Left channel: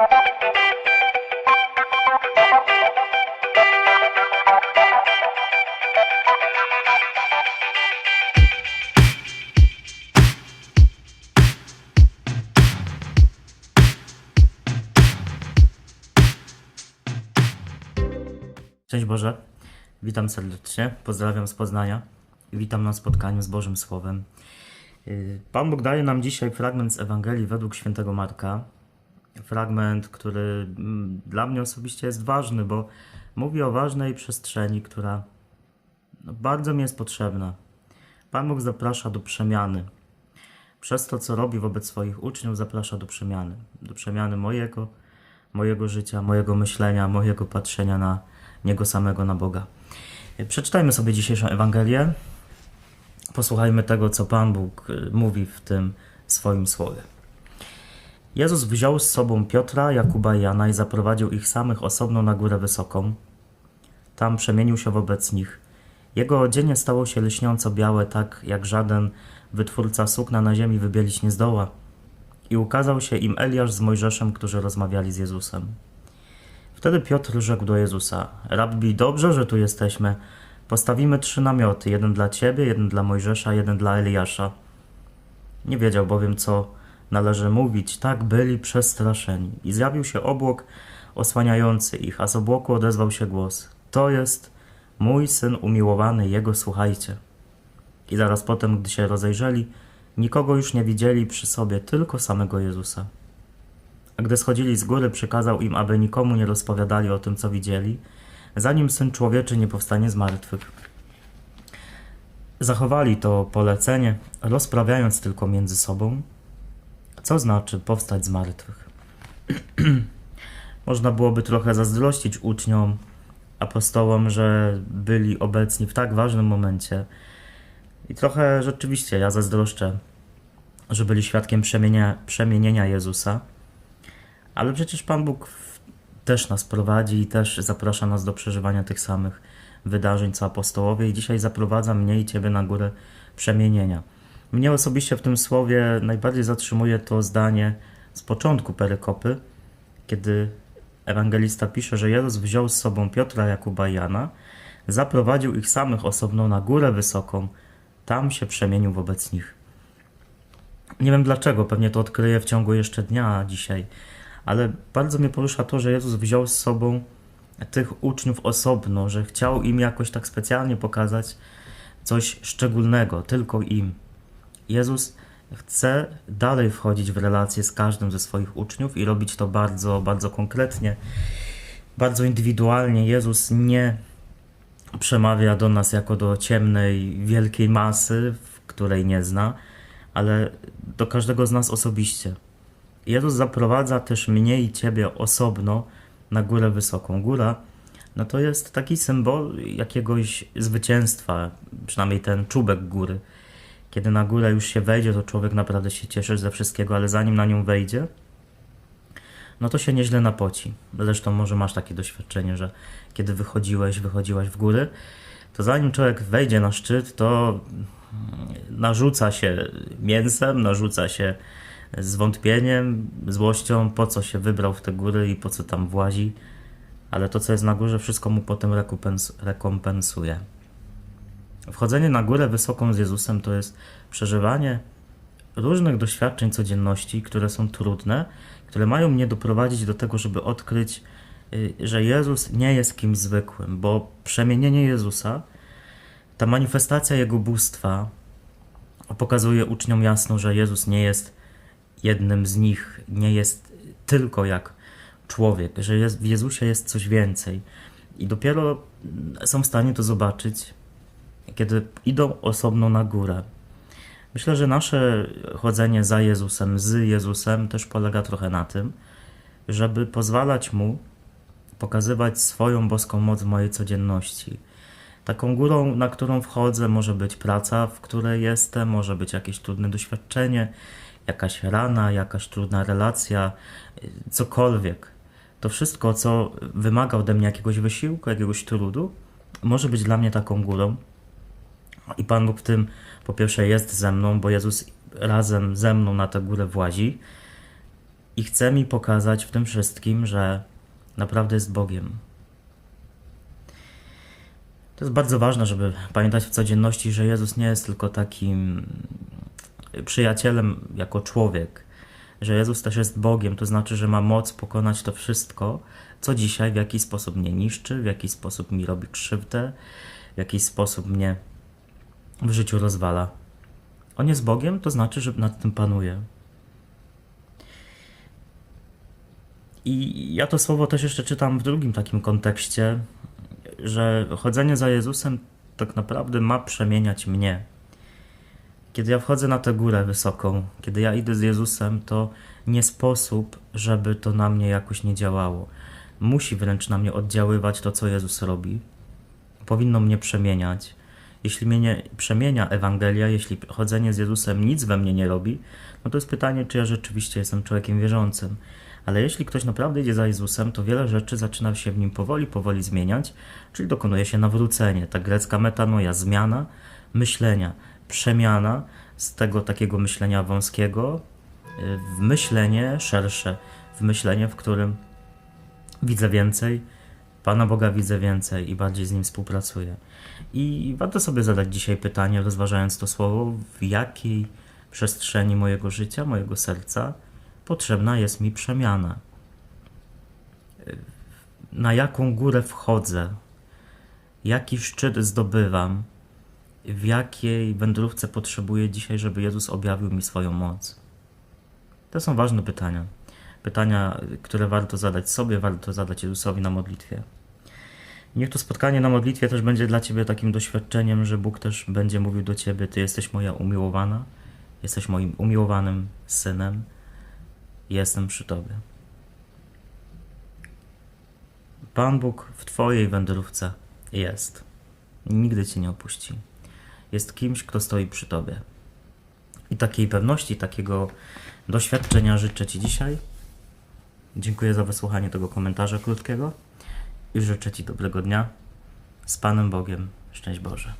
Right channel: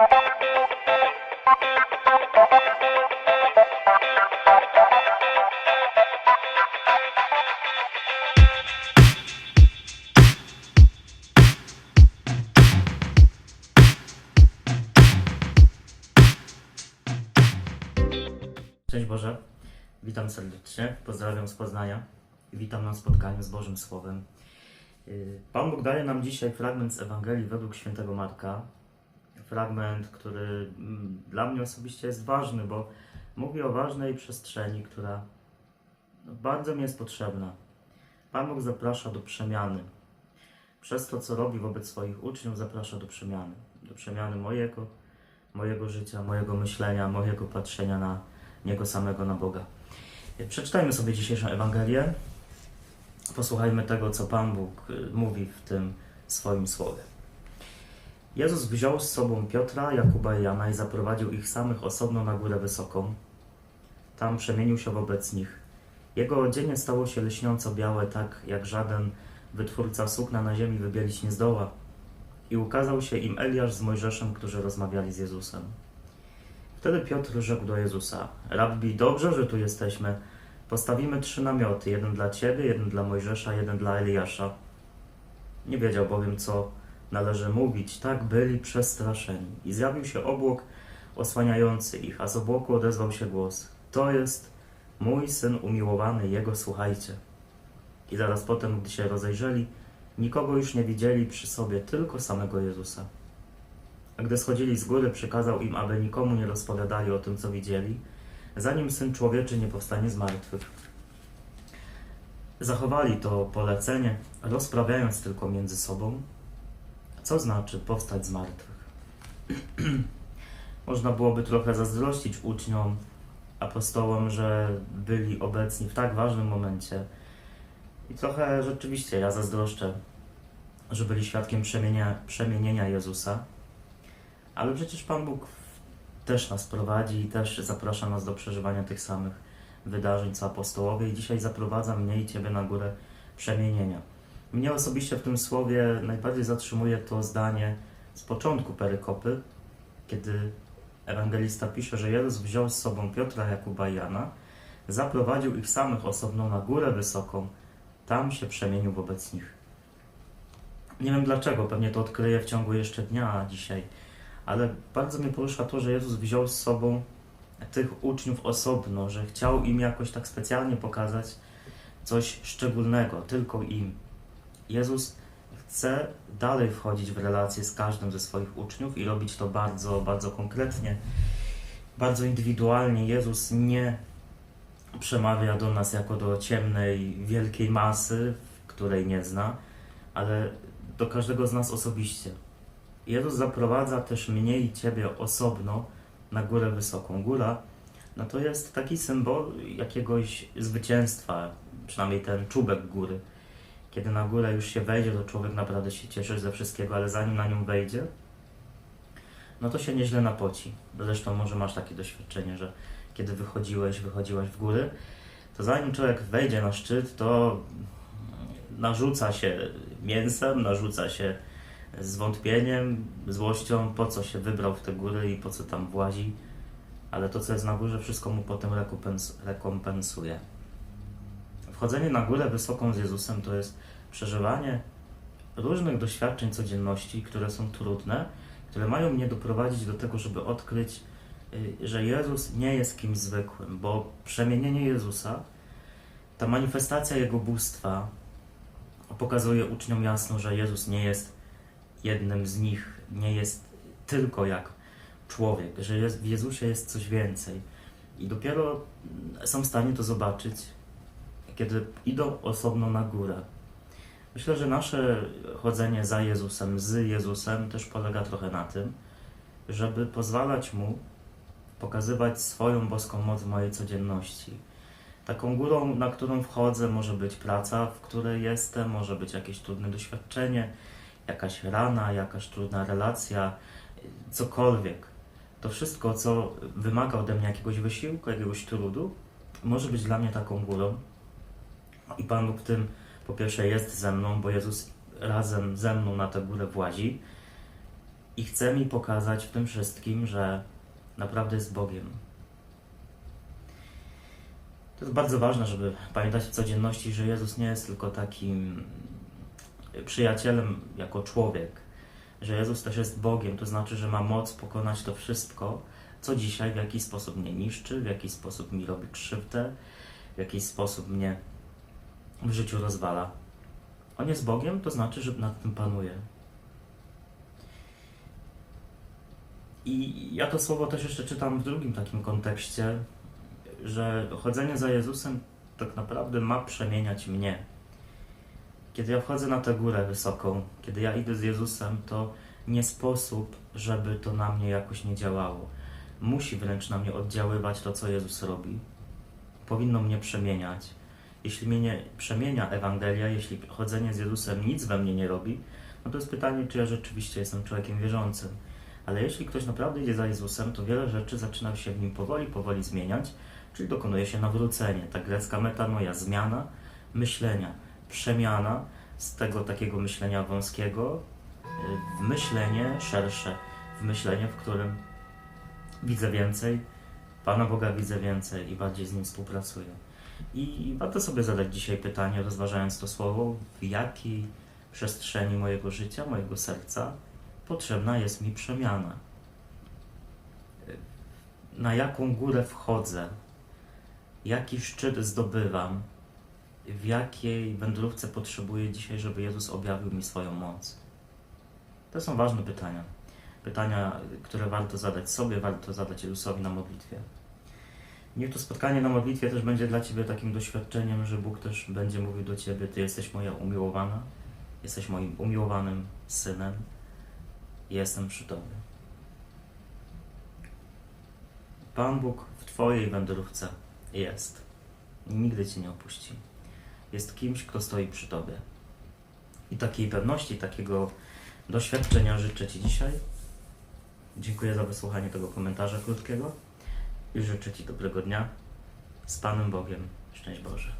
Cześć Boże, witam serdecznie, pozdrawiam z Poznania i witam na spotkaniu z Bożym Słowem. Yy, Pan Bóg daje nam dzisiaj fragment z Ewangelii według świętego Marka. Fragment, który mm, dla mnie osobiście jest ważny, bo mówi o ważnej przestrzeni, która no, bardzo mi jest potrzebna. Pan Bóg zaprasza do przemiany. Przez to, co robi wobec swoich uczniów, zaprasza do przemiany. Do przemiany mojego, mojego życia, mojego myślenia, mojego patrzenia na Niego samego, na Boga. Przeczytajmy sobie dzisiejszą Ewangelię. Posłuchajmy tego, co Pan Bóg y, mówi w tym swoim słowie. Jezus wziął z sobą Piotra, Jakuba i Jana i zaprowadził ich samych osobno na górę wysoką. Tam przemienił się wobec nich. Jego odzienie stało się lśniąco białe, tak jak żaden wytwórca sukna na ziemi wybielić nie zdoła. I ukazał się im Eliasz z Mojżeszem, którzy rozmawiali z Jezusem. Wtedy Piotr rzekł do Jezusa: Rabbi, dobrze, że tu jesteśmy. Postawimy trzy namioty: jeden dla ciebie, jeden dla Mojżesza, jeden dla Eliasza. Nie wiedział bowiem, co należy mówić. Tak byli przestraszeni. I zjawił się obłok osłaniający ich, a z obłoku odezwał się głos: To jest mój syn umiłowany, jego słuchajcie. I zaraz potem, gdy się rozejrzeli, nikogo już nie widzieli przy sobie, tylko samego Jezusa. A gdy schodzili z góry, przykazał im, aby nikomu nie rozpowiadali o tym, co widzieli, zanim Syn Człowieczy nie powstanie z martwych. Zachowali to polecenie, rozprawiając tylko między sobą, co znaczy powstać z martwych. Można byłoby trochę zazdrościć uczniom, apostołom, że byli obecni w tak ważnym momencie. I trochę rzeczywiście ja zazdroszczę, że byli świadkiem przemienia, przemienienia Jezusa. Ale przecież Pan Bóg też nas prowadzi i też zaprasza nas do przeżywania tych samych wydarzeń co apostołowie i dzisiaj zaprowadza mnie i Ciebie na górę przemienienia. Mnie osobiście w tym słowie najbardziej zatrzymuje to zdanie z początku perykopy, kiedy ewangelista pisze, że Jezus wziął z sobą Piotra, Jakuba i Jana, zaprowadził ich samych osobno na górę wysoką, tam się przemienił wobec nich. Nie wiem dlaczego, pewnie to odkryję w ciągu jeszcze dnia dzisiaj, ale bardzo mnie porusza to, że Jezus wziął z sobą tych uczniów osobno, że chciał im jakoś tak specjalnie pokazać coś szczególnego, tylko im. Jezus chce dalej wchodzić w relacje z każdym ze swoich uczniów i robić to bardzo, bardzo konkretnie, bardzo indywidualnie. Jezus nie przemawia do nas jako do ciemnej, wielkiej masy, której nie zna, ale do każdego z nas osobiście. Jezus zaprowadza też mnie i Ciebie osobno na górę wysoką. Góra no to jest taki symbol jakiegoś zwycięstwa, przynajmniej ten czubek góry. Kiedy na górę już się wejdzie, to człowiek naprawdę się cieszy ze wszystkiego, ale zanim na nią wejdzie, no to się nieźle napoci. Zresztą może masz takie doświadczenie, że kiedy wychodziłeś, wychodziłaś w góry, to zanim człowiek wejdzie na szczyt, to narzuca się mięsem, narzuca się zwątpieniem, złością, po co się wybrał w te góry i po co tam włazi, ale to, co jest na górze, wszystko mu potem rekompens- rekompensuje. Wchodzenie na górę wysoką z Jezusem to jest przeżywanie różnych doświadczeń codzienności, które są trudne, które mają mnie doprowadzić do tego, żeby odkryć, y, że Jezus nie jest kimś zwykłym, bo przemienienie Jezusa, ta manifestacja Jego bóstwa pokazuje uczniom jasno, że Jezus nie jest jednym z nich, nie jest tylko jak człowiek, że w Jezusie jest coś więcej. I dopiero są w stanie to zobaczyć, kiedy idą osobno na górę. Myślę, że nasze chodzenie za Jezusem, z Jezusem też polega trochę na tym, żeby pozwalać Mu pokazywać swoją boską moc w mojej codzienności. Taką górą, na którą wchodzę, może być praca, w której jestem, może być jakieś trudne doświadczenie, jakaś rana, jakaś trudna relacja, cokolwiek. To wszystko, co wymaga ode mnie jakiegoś wysiłku, jakiegoś trudu, może być dla mnie taką górą. I Pan Bóg w tym po pierwsze jest ze mną, bo Jezus razem ze mną na tę górę włazi. i chce mi pokazać w tym wszystkim, że naprawdę jest Bogiem. To jest bardzo ważne, żeby pamiętać w codzienności, że Jezus nie jest tylko takim przyjacielem jako człowiek, że Jezus też jest Bogiem, to znaczy, że ma moc pokonać to wszystko, co dzisiaj w jakiś sposób mnie niszczy, w jakiś sposób mi robi krzywdę, w jakiś sposób mnie w życiu rozwala. On jest Bogiem, to znaczy, że nad tym panuje. I ja to słowo też jeszcze czytam w drugim takim kontekście, że chodzenie za Jezusem tak naprawdę ma przemieniać mnie. Kiedy ja wchodzę na tę górę wysoką, kiedy ja idę z Jezusem, to nie sposób, żeby to na mnie jakoś nie działało. Musi wręcz na mnie oddziaływać to, co Jezus robi. Powinno mnie przemieniać. Jeśli mnie nie przemienia Ewangelia, jeśli chodzenie z Jezusem nic we mnie nie robi, no to jest pytanie, czy ja rzeczywiście jestem człowiekiem wierzącym. Ale jeśli ktoś naprawdę idzie za Jezusem, to wiele rzeczy zaczyna się w nim powoli, powoli zmieniać, czyli dokonuje się nawrócenie. Ta grecka metanoja, zmiana myślenia, przemiana z tego takiego myślenia wąskiego y, w myślenie szersze, w myślenie, w którym widzę więcej, Pana Boga widzę więcej i bardziej z Nim współpracuję. I warto sobie zadać dzisiaj pytanie, rozważając to słowo, w jakiej przestrzeni mojego życia, mojego serca potrzebna jest mi przemiana. Na jaką górę wchodzę, jaki szczyt zdobywam, w jakiej wędrówce potrzebuję dzisiaj, żeby Jezus objawił mi swoją moc. To są ważne pytania. Pytania, które warto zadać sobie, warto zadać Jezusowi na modlitwie. Niech to spotkanie na modlitwie też będzie dla Ciebie takim doświadczeniem, że Bóg też będzie mówił do Ciebie: Ty jesteś moja umiłowana, jesteś moim umiłowanym synem, jestem przy Tobie. Pan Bóg w Twojej wędrówce jest. Nigdy Cię nie opuści. Jest kimś, kto stoi przy Tobie. I takiej pewności, takiego doświadczenia życzę Ci dzisiaj. Dziękuję za wysłuchanie tego komentarza krótkiego i życzę Ci dobrego dnia. Z Panem Bogiem. Szczęść Boże.